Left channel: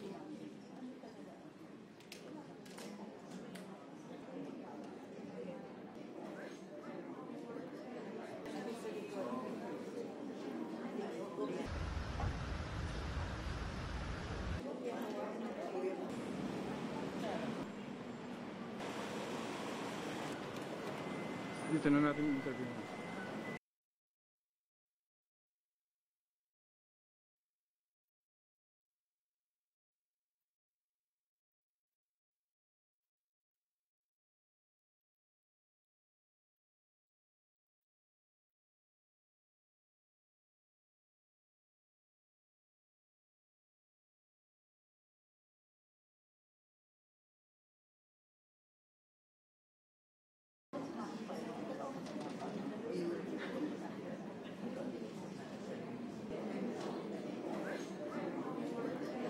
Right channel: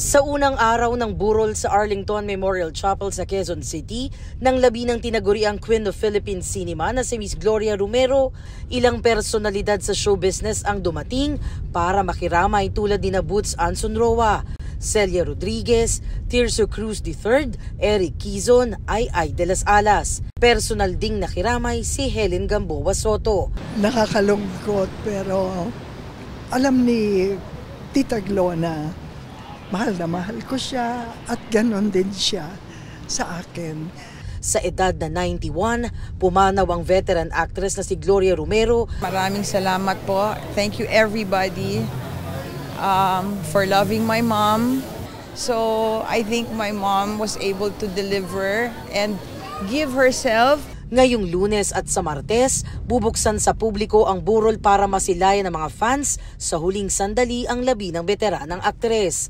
Sa unang araw ng burol sa Arlington Memorial Chapel sa Quezon City, nang labi ng tinaguriang Queen of Philippine Cinema na si Miss Gloria Romero, ilang personalidad sa show business ang dumating para makiramay tulad ni Boots Anson Roa, Celia Rodriguez, Tirso Cruz III, Eric Quizon, Ay de las Alas. Personal ding nakiramay si Helen Gamboa Soto. Nakakalungkot pero alam ni Tita Glo na mahal ko siya at ganon din siya sa akin. Sa edad na 91, pumanaw ang veteran actress na si Gloria Romero. Maraming salamat po. Thank you everybody for loving my mom. So I think my mom was able to deliver and give herself. Ngayong Lunes at sa Martes, bubuksan sa publiko ang burol para masilayan ng mga fans sa huling sandali ang labi ng veteranang aktres.